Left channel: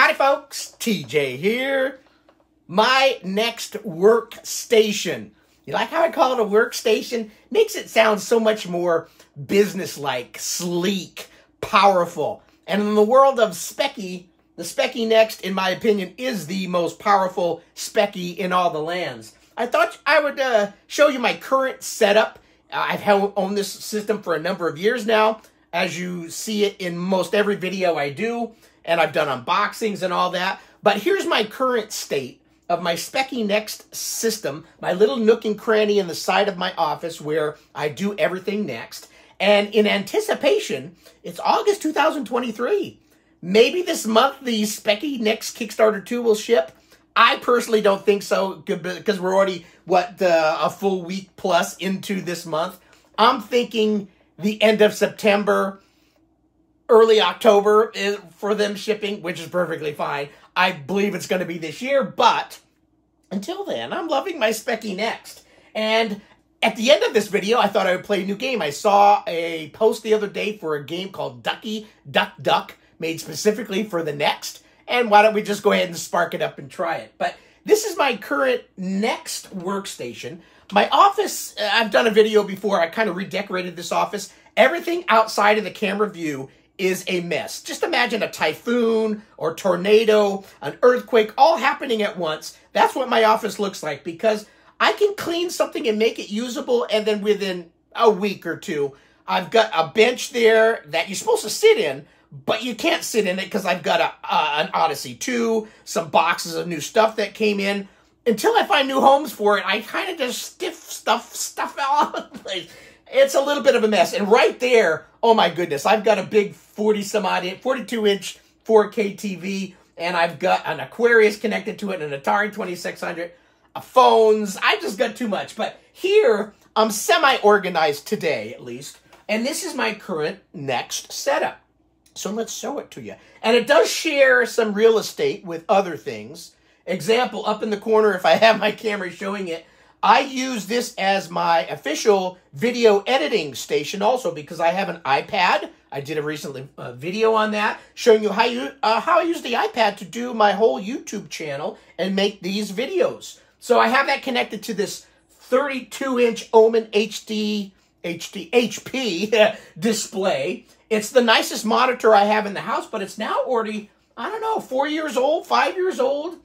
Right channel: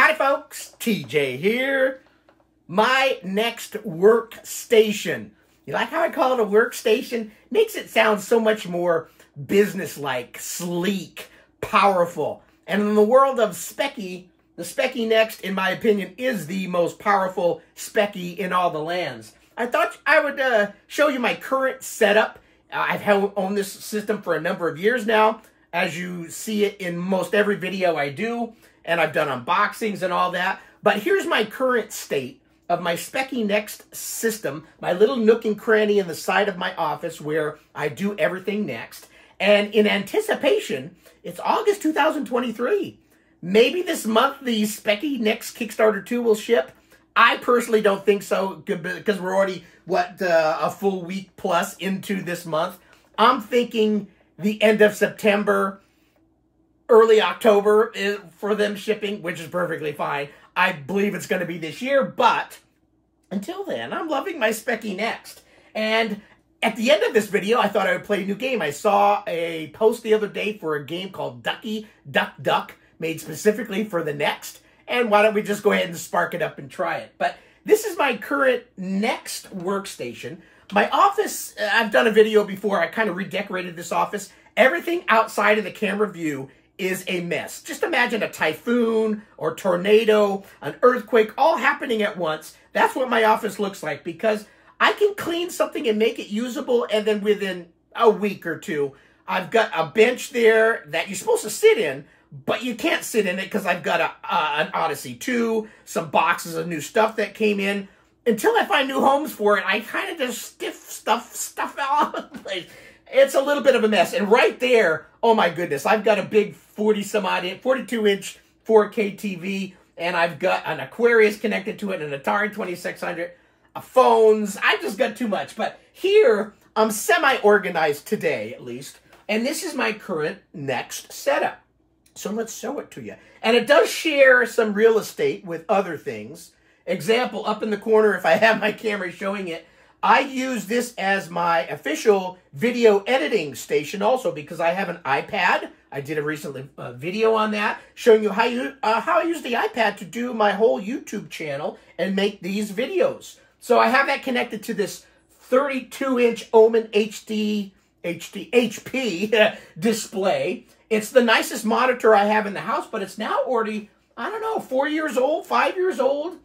Howdy folks, TJ here. My Next Workstation. You like how I call it a workstation? Makes it sound so much more business-like, sleek, powerful. And in the world of Speccy, the Speccy Next, in my opinion, is the most powerful Speccy in all the lands. I thought I would show you my current setup. I've owned this system for a number of years now, as you see it in most every video I do, and I've done unboxings and all that. But here's my current state of my Speccy Next system, my little nook and cranny in the side of my office where I do everything Next. And in anticipation, it's August 2023. Maybe this month the Speccy Next Kickstarter 2 will ship. I personally don't think so because we're already, a full week plus into this month. I'm thinking the end of September, early October for them shipping, which is perfectly fine. I believe it's going to be this year, but until then, I'm loving my Speccy Next. And at the end of this video, I thought I would play a new game. I saw a post the other day for a game called Duckie Duck Duck, made specifically for the Next. And why don't we just go ahead and spark it up and try it? But this is my current Next workstation. My office, I've done a video before. I kind of redecorated this office. Everything outside of the camera view is a mess. Just imagine a typhoon or tornado, an earthquake, all happening at once. That's what my office looks like because I can clean something and make it usable, and then within a week or two, I've got a bench there that you're supposed to sit in, but you can't sit in it because I've got an Odyssey 2, some boxes of new stuff that came in. Until I find new homes for it, I kind of just stiff stuff all over the place. It's a little bit of a mess. And right there, oh my goodness, I've got a big 42-inch 4K TV, and I've got an Aquarius connected to it, an Atari 2600, phones. I just got too much. But here, I'm semi-organized today, at least. And this is my current Next setup. So let's show it to you. And it does share some real estate with other things. Example, up in the corner, if I have my camera showing it, I use this as my official video editing station also because I have an iPad. I did a recent video on that, showing you how I use the iPad to do my whole YouTube channel and make these videos. So I have that connected to this 32-inch Omen HP display. It's the nicest monitor I have in the house, but it's now already, I don't know, 4 years old, 5 years old.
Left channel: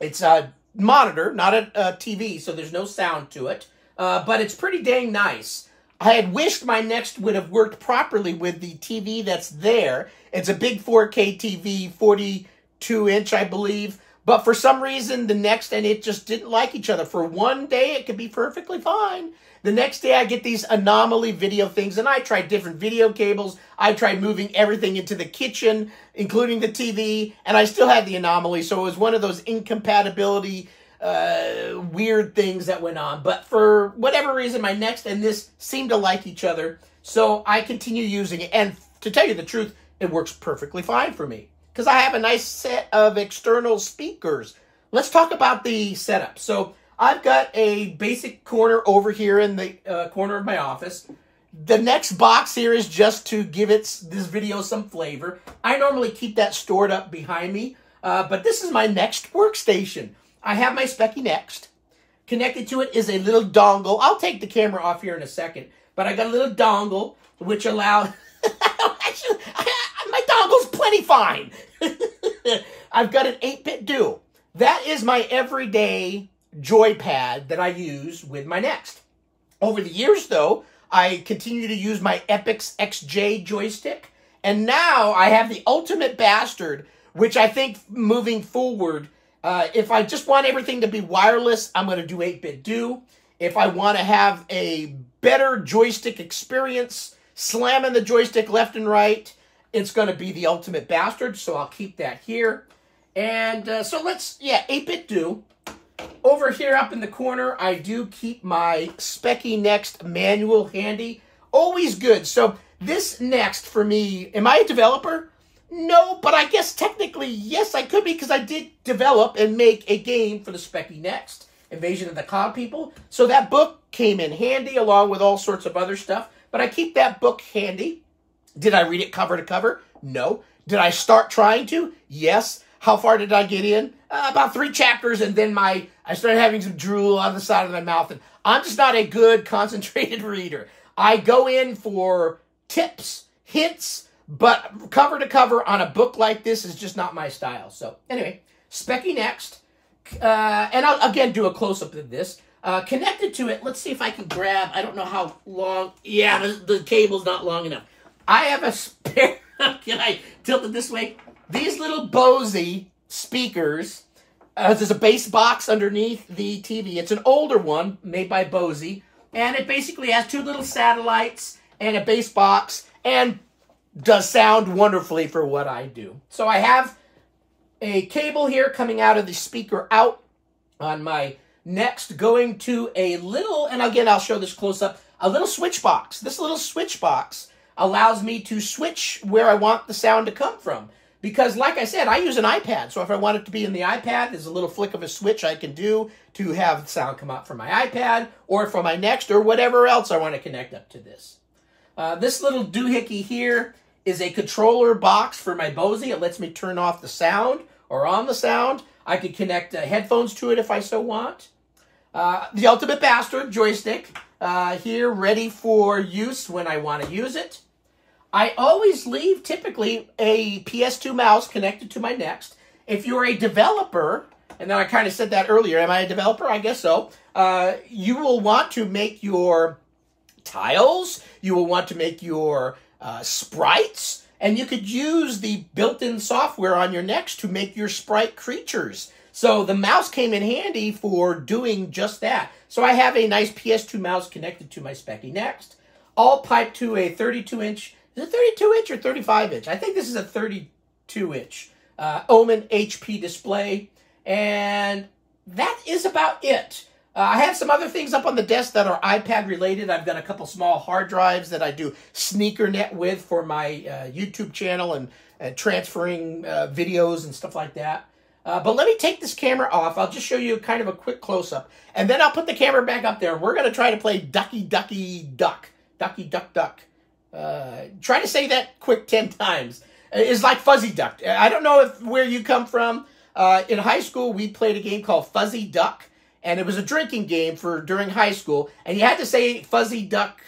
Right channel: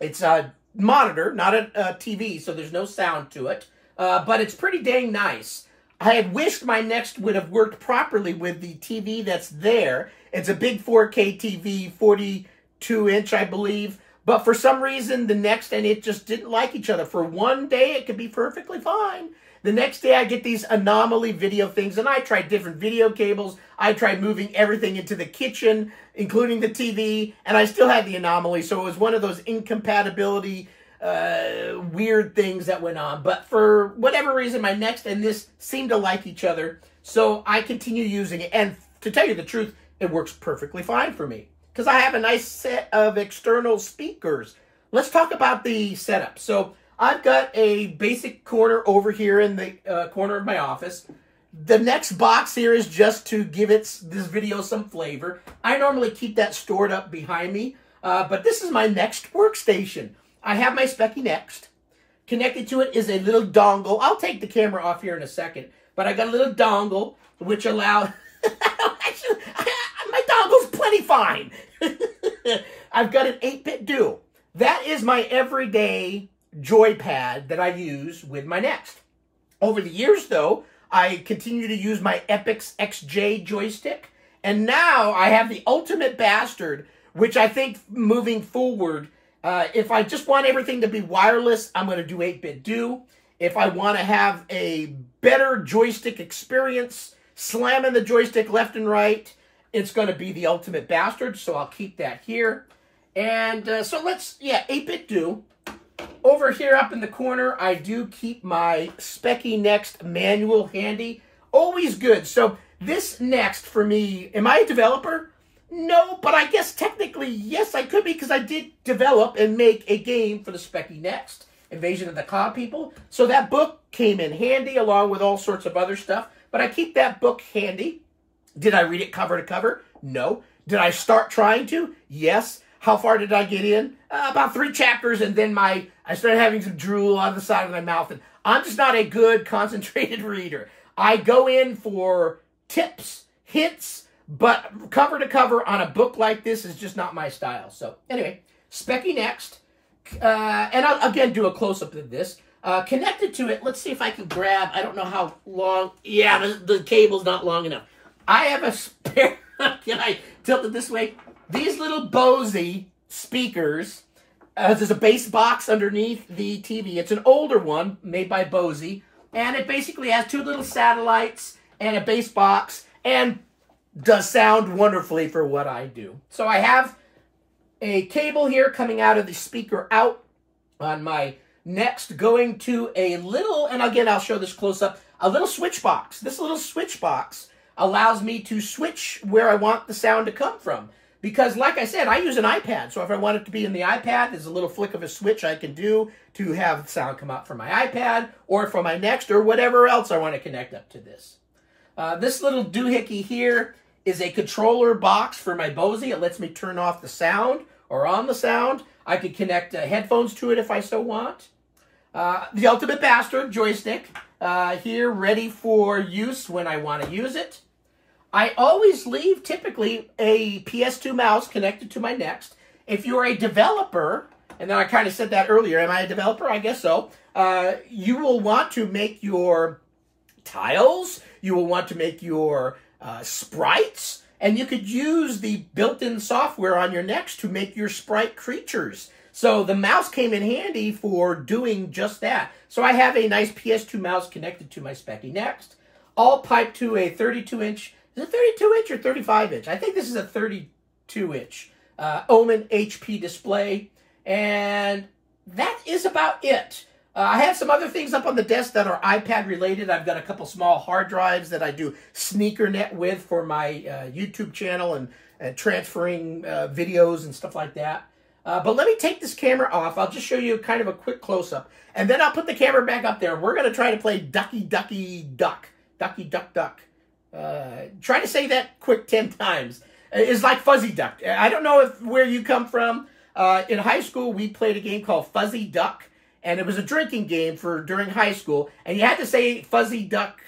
It's a monitor, not a TV, so there's no sound to it. But it's pretty dang nice. I had wished my Next would have worked properly with the TV that's there. It's a big 4K TV, 42-inch, I believe. But for some reason, the Next and it just didn't like each other. For one day, it could be perfectly fine. The next day, I get these anomaly video things, and I tried different video cables. I tried moving everything into the kitchen, including the TV, and I still had the anomaly. So it was one of those incompatibility, weird things that went on. But for whatever reason, my Next and this seemed to like each other. So I continue using it. And to tell you the truth, it works perfectly fine for me because I have a nice set of external speakers. Let's talk about the setup. So I've got a basic corner over here in the corner of my office. The next box here is just to give this video some flavor. I normally keep that stored up behind me, but this is my Next workstation. I have my Speccy Next. Connected to it is a little dongle. I'll take the camera off here in a second, but I got a little dongle which allows... Actually, my dongle's plenty fine. I've got an 8-bit do. That is my everyday joypad that I use with my Next. Over the years, though, I continue to use my Epix XJ joystick, and now I have the Ultimate Bastard, which I think moving forward, if I just want everything to be wireless, I'm going to do 8-bit do. If I want to have a better joystick experience, slamming the joystick left and right, it's going to be the Ultimate Bastard, so I'll keep that here. And so 8-bit do. Over here up in the corner, I do keep my Speccy Next manual handy. Always good. So this Next for me, am I a developer? No, but I guess technically, yes, I could be because I did develop and make a game for the Speccy Next, Invasion of the Cloud People. So that book came in handy along with all sorts of other stuff. But I keep that book handy. Did I read it cover to cover? No. Did I start trying to? Yes. How far did I get in? About 3 chapters, and then I started having some drool on the side of my mouth, and I'm just not a good concentrated reader. I go in for tips, hints, but cover to cover on a book like this is just not my style. So anyway, Speccy Next, and I'll again do a close-up of this. Connected to it, let's see if I can grab, I don't know how long, yeah, the cable's not long enough. I have a spare, can I tilt it this way? These little Bose speakers, there's a bass box underneath the TV. It's an older one made by Bose, and it basically has 2 little satellites and a bass box, and does sound wonderfully for what I do. So I have a cable here coming out of the speaker out on my Next, going to a little, and again I'll show this close up, a little switch box. This little switch box allows me to switch where I want the sound to come from. Because like I said, I use an iPad, so if I want it to be in the iPad, there's a little flick of a switch I can do to have the sound come out from my iPad, or from my Next, or whatever else I want to connect up to this. This little doohickey here is a controller box for my Bose. It lets me turn off the sound, or on the sound. I could connect headphones to it if I so want. The Ultimate Bastard joystick here, ready for use when I want to use it. I always leave typically a PS2 mouse connected to my Next. If you're a developer, and then I kind of said that earlier, am I a developer? I guess so. You will want to make your tiles, you will want to make your sprites, and you could use the built-in software on your Next to make your sprite creatures. So the mouse came in handy for doing just that. So I have a nice PS2 mouse connected to my Speccy Next, all piped to a 32-inch, is it 32-inch or 35-inch? I think this is a 32-inch Omen HP display, and that is about it. I have some other things up on the desk that are iPad related. I've got a couple small hard drives that I do SneakerNet with for my YouTube channel and transferring videos and stuff like that. But let me take this camera off. I'll just show you kind of a quick close-up. And then I'll put the camera back up there. We're going to try to play Duckie Ducky Duck. Duckie Duck Duck. Try to say that quick 10 times. It's like Fuzzy Duck. I don't know where you come from. In high school, we played a game called Fuzzy Duck. And it was a drinking game for during high school. And you had to say Fuzzy Duck,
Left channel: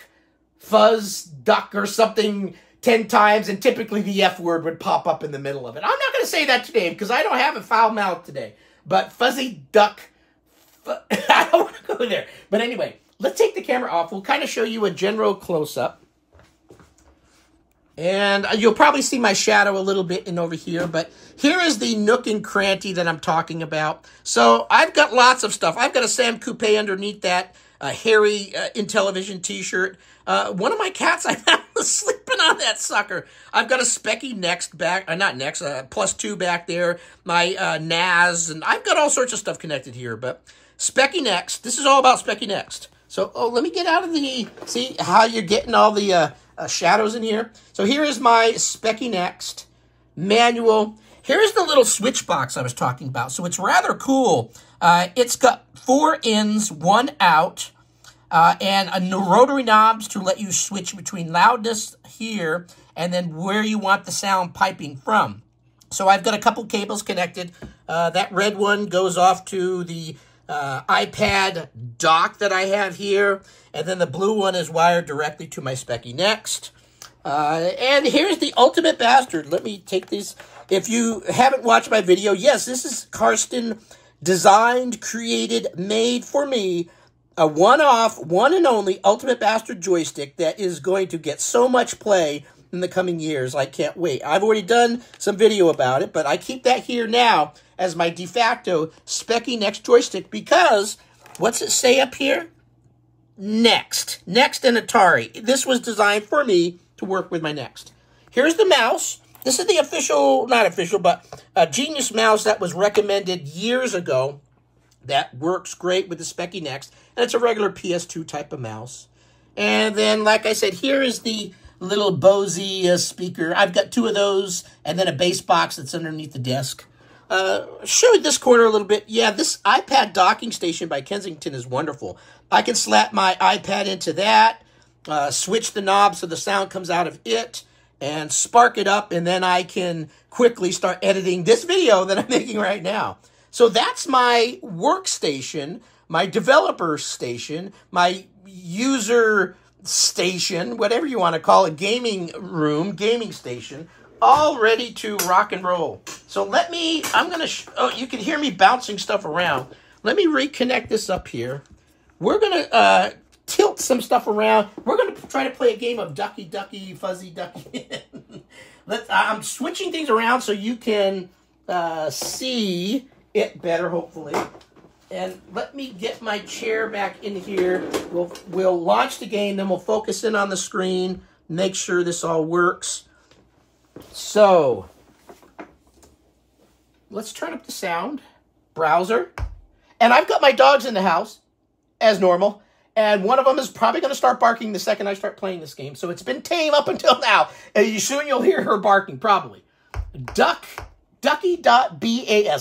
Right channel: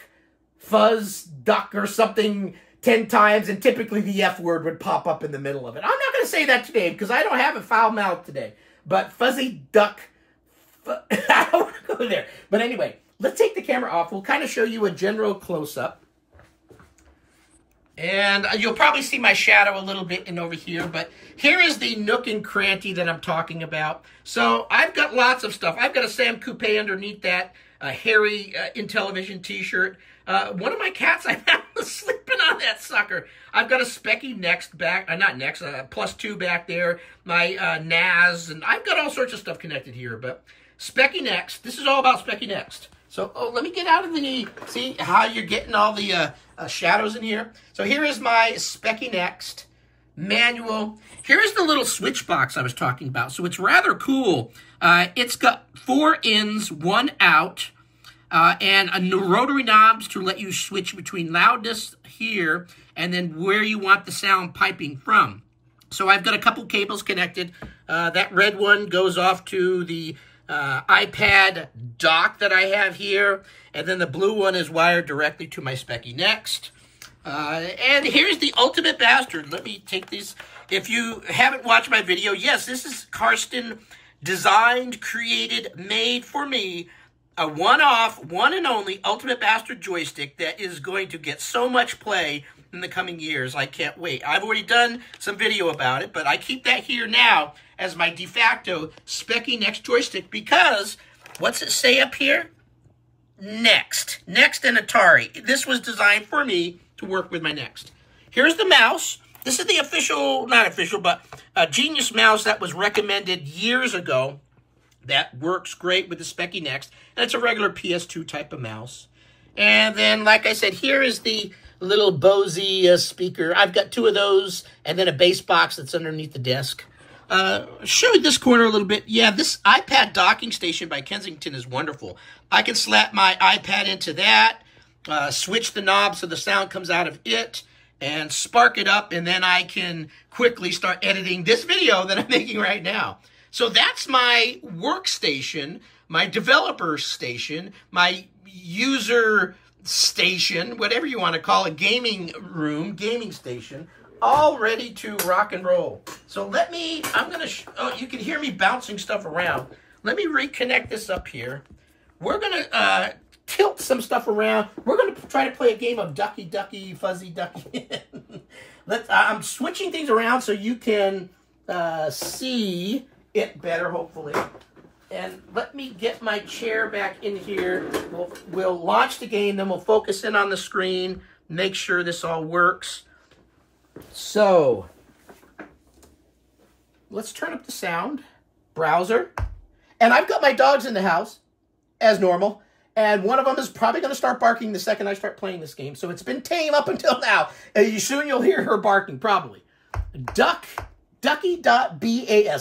Fuzz Duck or something 10 times, and typically the F word would pop up in the middle of it. I'm not going to say that today because I don't have a foul mouth today. But Fuzzy Duck, I don't want to go there. But anyway, let's take the camera off. We'll kind of show you a general close-up. And you'll probably see my shadow a little bit in over here. But here is the nook and cranny that I'm talking about. So I've got lots of stuff. I've got a Sam Coupe underneath that, a hairy Intellivision t-shirt. One of my cats, I found was sleeping on that sucker. I've got a Speccy Next back, not Next, +2 back there, my NAS, and I've got all sorts of stuff connected here. But Speccy Next, this is all about Speccy Next. So, let me get out of the, see how you're getting all the shadows in here? So here is my Speccy Next manual. Here's the little switch box I was talking about. So it's rather cool. It's got 4 ins, 1 out, and rotary knobs to let you switch between loudness here and then where you want the sound piping from. So I've got a couple cables connected. That red one goes off to the iPad dock that I have here, and then the blue one is wired directly to my Speccy Next. And here's the Ultimate Bastard. Let me take these. If you haven't watched my video, yes, this is Karsten designed, created, made for me, a one-off, one and only Ultimate Bastard joystick that is going to get so much play in the coming years. I can't wait. I've already done some video about it, but I keep that here now as my de facto Speccy Next joystick because, what's it say up here? Next. Next and Atari. This was designed for me to work with my Next. Here's the mouse. This is the official, not official, but a Genius mouse that was recommended years ago that works great with the Speccy Next. And it's a regular PS2 type of mouse. And then, like I said, here is the little Bose speaker. I've got 2 of those and then a bass box that's underneath the desk. Show this corner a little bit. Yeah, this iPad docking station by Kensington is wonderful. I can slap my iPad into that, switch the knob so the sound comes out of it, and spark it up, and then I can quickly start editing this video that I'm making right now. So that's my workstation, my developer station, my user station, whatever you want to call it, gaming room, gaming station, all ready to rock and roll. So let me, oh, you can hear me bouncing stuff around. Let me reconnect this up here. We're going to tilt some stuff around. We're going to try to play a game of Ducky Ducky Fuzzy Ducky. I'm switching things around so you can see it better, hopefully. And let me get my chair back in here. We'll launch the game, then we'll focus in on the screen, make sure this all works. So, let's turn up the sound. Browser. And I've got my dogs in the house, as normal. And one of them is probably going to start barking the second I start playing this game. So it's been tame up until now. Soon you'll hear her barking, probably. Duckie.bas.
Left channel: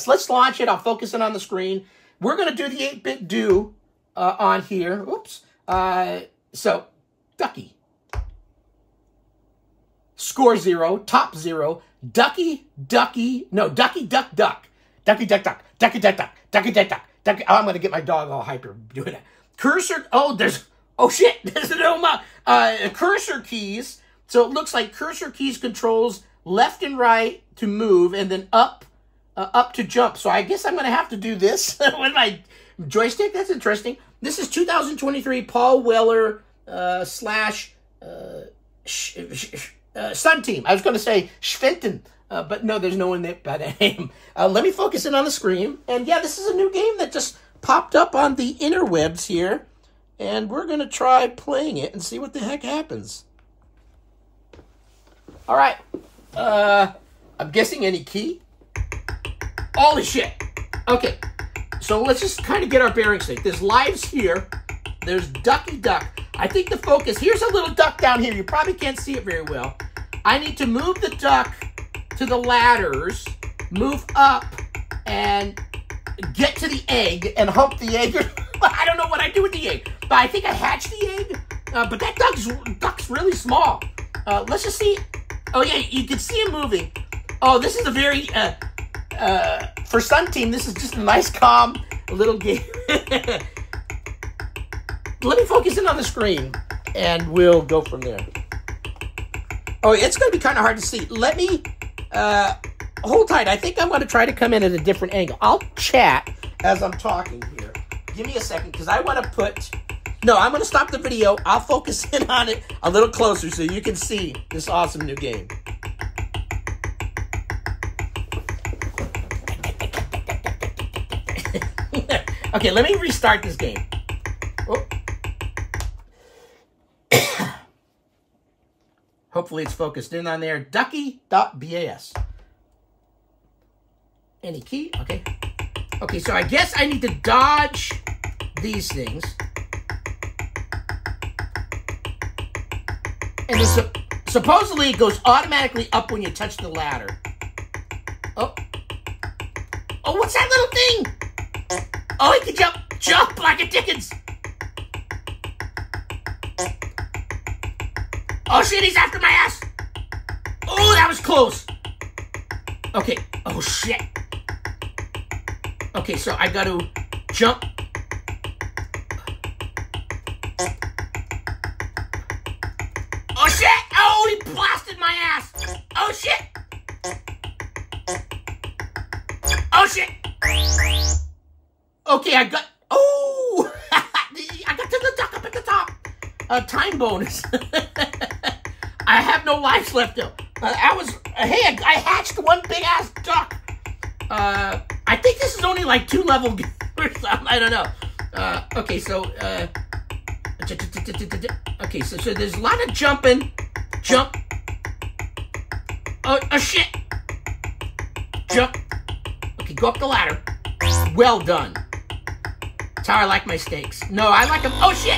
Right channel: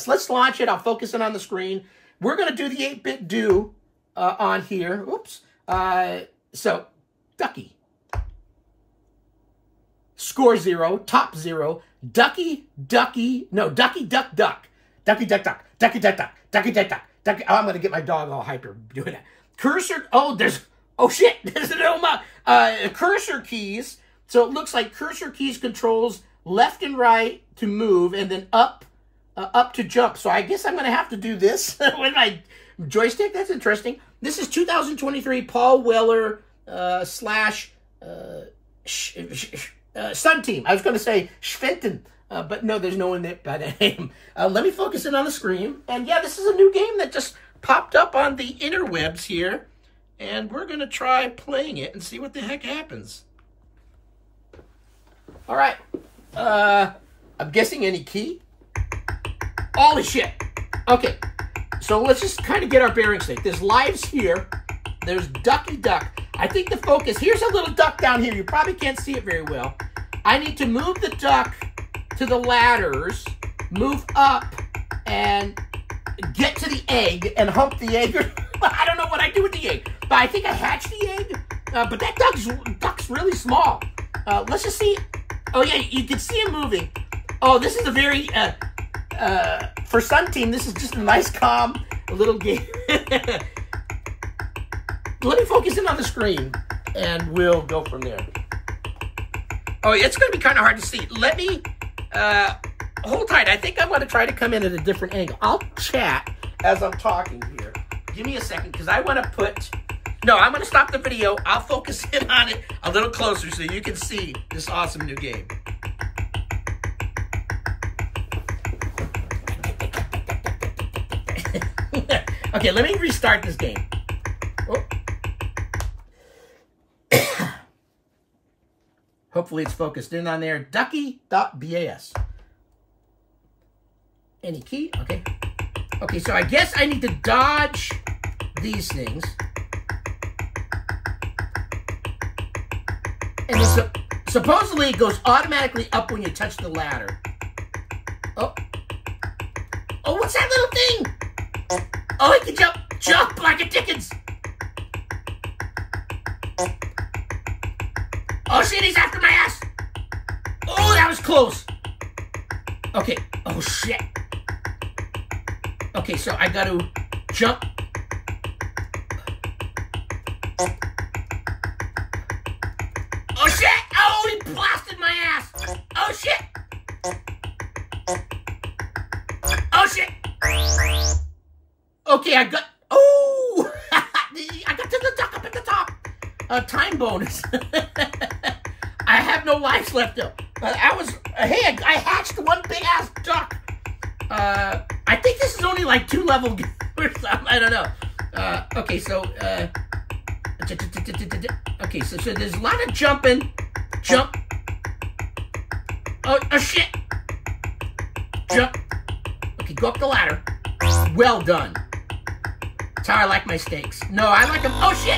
Let's launch it. I'll focus in on the screen. We're going to do the 8-bit do on here. Oops. So, Ducky. Score 0. Top 0. Ducky Duck Duck. Ducky Duck Duck. Ducky Duck Duck. Ducky Duck Duck. Ducky. Oh, I'm going to get my dog all hyper doing that. Cursor. Oh, shit. There's no cursor keys. So it looks like cursor keys controls left and right to move, and then up to jump. So I guess I'm going to have to do this with my joystick. That's interesting. This is 2023 Paul Weller slash Sun Team. I was going to say Schwenten, but no, there's no one by that name. Let me focus in on the screen. And yeah, this is a new game that just popped up on the interwebs here. And we're going to try playing it and see what the heck happens. All right. I'm guessing any key. Holy shit. Okay. So let's just kind of get our bearings straight. There's lives here. There's Ducky Duck. I think the focus, here's a little duck down here. You probably can't see it very well. I need to move the duck to the ladders, move up, and get to the egg and hump the egg. I don't know what I do with the egg, but I think I hatched the egg. But that duck's really small. Let's just see. Oh yeah, you can see him moving. Oh, this is a very, for Sun Team, this is just a nice, calm little game. Let me focus in on the screen, and we'll go from there. Oh, it's going to be kind of hard to see. Let me, hold tight. I think I'm going to try to come in at a different angle. I'll chat as I'm talking here. Give me a second, because I want to put... No, I'm going to stop the video. I'll focus in on it a little closer so you can see this awesome new game. Okay, let me restart this game. Oh. Hopefully it's focused in on there. Ducky.bas. Any key? Okay. Okay, so I guess I need to dodge these things. And supposedly it goes automatically up when you touch the ladder. Oh. Oh, what's that little thing? Oh, he can jump like a Dickens. Oh shit, he's after my ass. Oh, that was close. Okay, oh shit. Okay, so I gotta jump. Oh shit, oh, he blasted my ass. Oh shit. Oh shit. Okay, I got, oh, I got to the duck up at the top. Time bonus. I have no lives left though. Hey, I hatched one big ass duck. I think this is only like 2 level or something. I don't know. Okay, so, okay, so there's a lot of jumping. Jump. Oh shit. Jump. Okay, go up the ladder. Well done. That's how I like my steaks. No, I like them. Oh shit.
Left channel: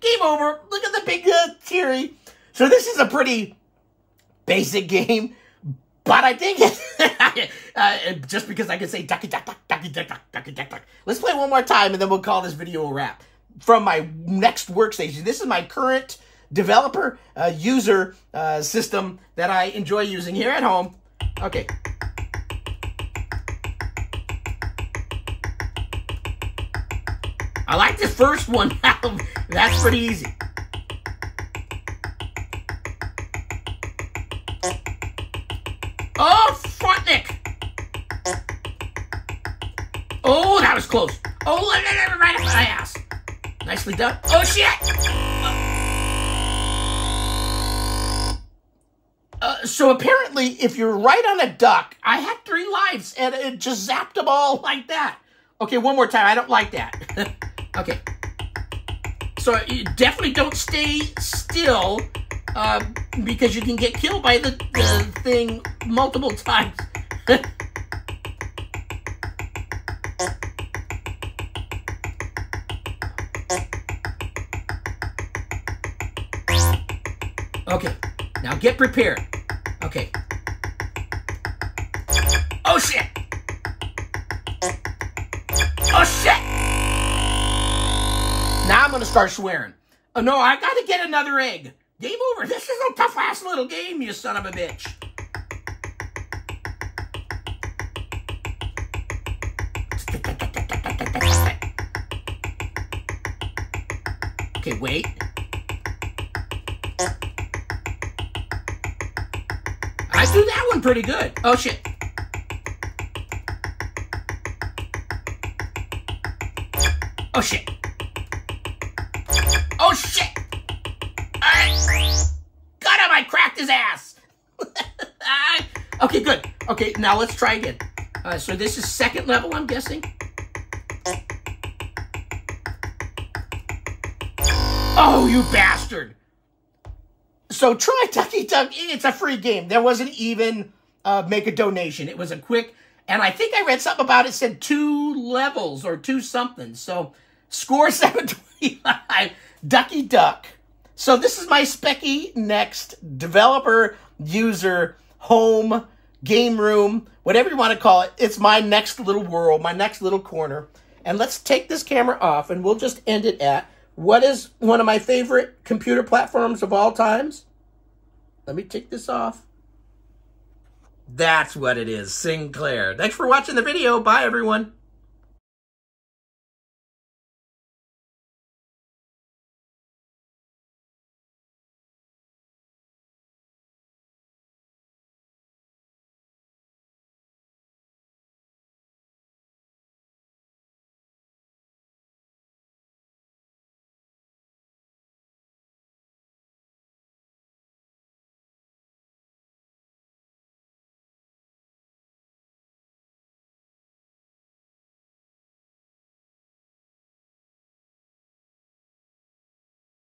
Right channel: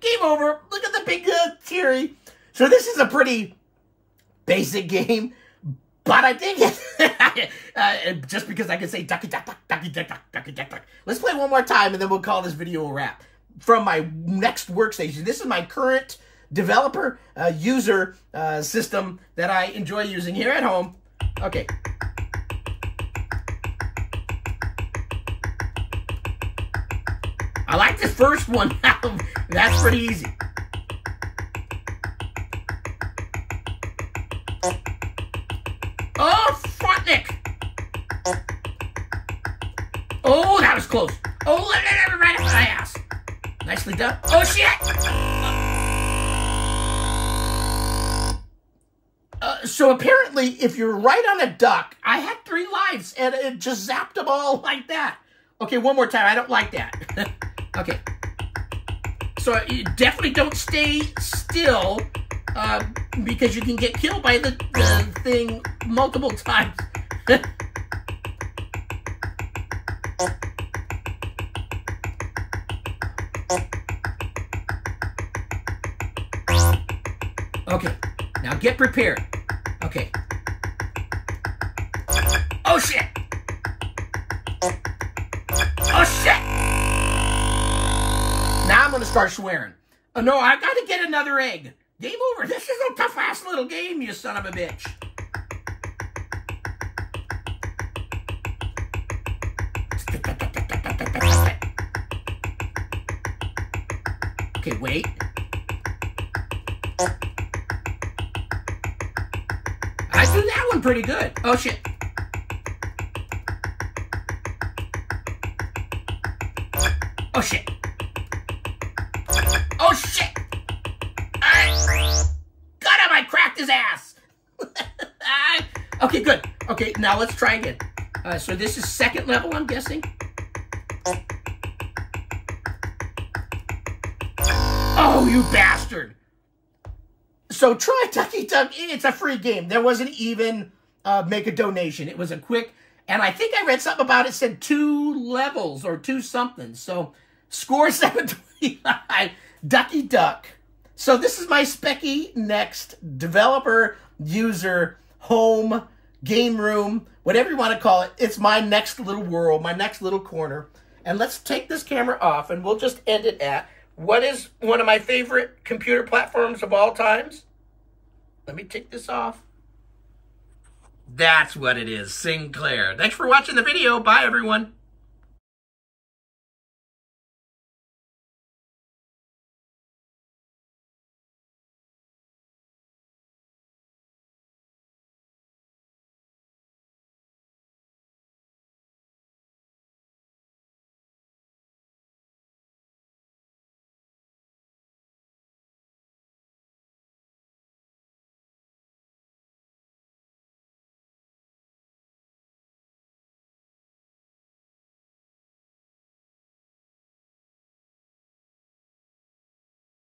Game over. Look at the big teary. So this is a pretty basic game, but I think just because I can say Ducky Duck Duck, Ducky Duck Duck, Ducky Duck Duck. Let's play one more time and then we'll call this video a wrap. from my Next Workstation. This is my current developer user system that I enjoy using here at home. Okay. I like this first one. That's pretty easy. Oh, Fortnick. Oh, that was close. Oh, right up my ass. Nicely done. Oh, shit. So apparently, if you're right on a duck, I had 3 lives, and it just zapped them all like that. Okay, one more time. I don't like that. Okay. So you definitely don't stay still, because you can get killed by the thing multiple times. Okay, now get prepared. Okay. Oh, shit! Oh, shit! Now I'm going to start swearing. Oh, no, I got to get another egg. Game over. This is a tough-ass little game, you son of a bitch. Okay, wait. I do that one pretty good. Oh, shit. Oh, shit. Oh, shit. Got him. I cracked his ass. Okay, good. Okay, now let's try again. So this is second level, I'm guessing. Oh, you bastard. So try Duckie Duck. It's a free game. There wasn't even make a donation. It was a quick, and I think I read something about it, said 2 levels or 2 something. So score 725, Duckie Duck. So this is my Speccy Next developer, user, home, game room, whatever you want to call it. It's my next little world, my next little corner. And let's take this camera off, and we'll just end it at, what is one of my favorite computer platforms of all times? Let me take this off. That's what it is, Sinclair. Thanks for watching the video. Bye, everyone.